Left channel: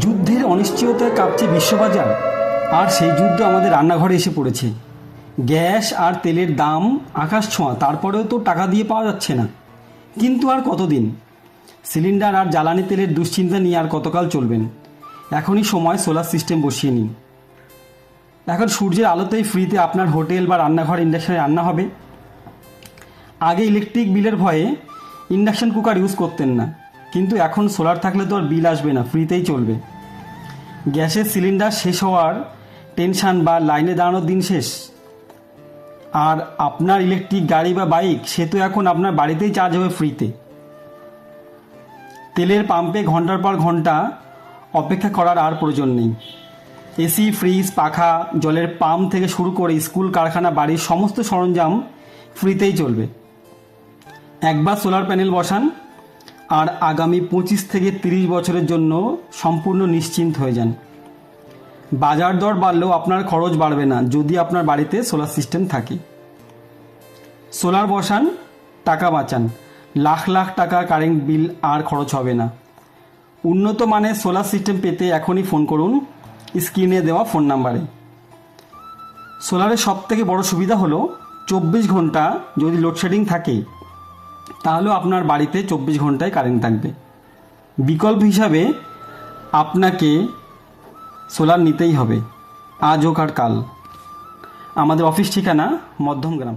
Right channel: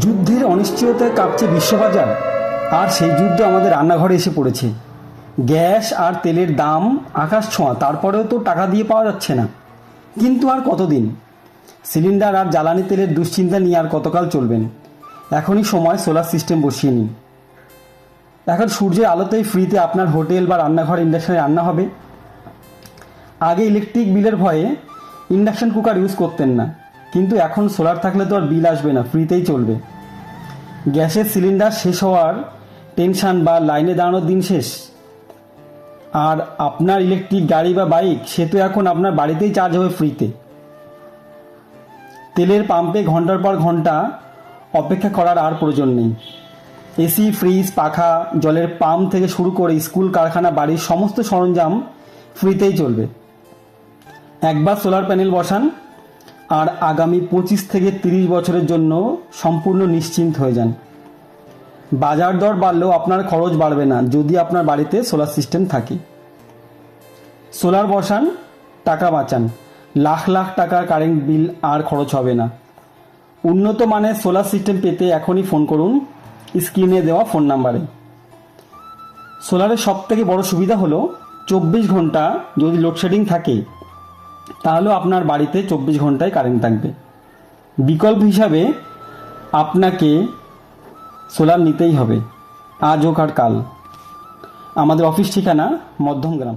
যুদ্ধের অনিশ্চয়তায় কাঁপছে বিশ্ববাজার, আর সেই যুদ্ধ আমাদের রান্নাঘরে এসে পড়েছে। গ্যাস আর তেলের দাম আকাশ ছোঁয়া, তারপরেও তো টাকা দিয়ে পাওয়া যাচ্ছে না। কিন্তু আর কতদিন? সিলিন্ডার আর জ্বালানি তেলের দুশ্চিন্তা নিয়ে আর কতকাল চলবেন? এখনই সময় সোলার সিস্টেম বসিয়ে নিন। এখন সূর্যের আলোতেই ফ্রিতে আপনার হোটেল বা রান্নাঘর ইন্ডাকশনে রান্না হবে। আগে ইলেকট্রিক বিলের ভয়ে ইন্ডাকশন কুকার ইউজ করতেন না, কিন্তু এখন সোলার থাকলে তো আর বিল আসবে না, ফ্রিতেই চলবে। গ্যাসের সিলিন্ডার শেষ হওয়ার টেনশন বা লাইনে দাঁড়ানোর দিন শেষ। আর আপনার ইলেকট্রিক গাড়ি বা বাইক, সে তো এখন আপনার বাড়িতেই চার্জ হবে ফ্রিতে। তেলের পাম্পে ঘন্টার পর ঘন্টা অপেক্ষা করার আর প্রয়োজন নেই। এসি, ফ্রিজ, পাখা, জলের পাম্প থেকে শুরু করে স্কুল, কারখানা, বাড়ির সমস্ত সরঞ্জাম ফ্রিতেই চলবে। একবার সোলার প্যানেল বসান আর আগামী 25 থেকে 30 বছরের জন্য সম্পূর্ণ নিশ্চিন্ত হয়ে যান। বাজার দর বাড়লেও আপনার খরচ বাড়বে না যদি আপনার বাড়িতে সোলার সিস্টেম থাকে। সোলার বসান, টাকা বাঁচান, লাখ লাখ টাকা কারেন্ট বিল আর খরচ হবে না। উন্নত মানের সোলার সিস্টেম পেতে এখনই ফোন করুন স্ক্রিনে দেওয়া ফোন নাম্বারে। সোলারের সবথেকে বড় সুবিধা হলো 24 ঘন্টা যদি লোডশেডিং থাকে তাহলেও আপনার বাড়িতে 24 ঘন্টায় কারেন্ট থাকবে। বিকল্প হিসাবে আপনাকে সোলার নিতেই হবে, আজ হোক আর কাল। আমাদের অফিস ঠিকানা মধ্যমগ্রাম।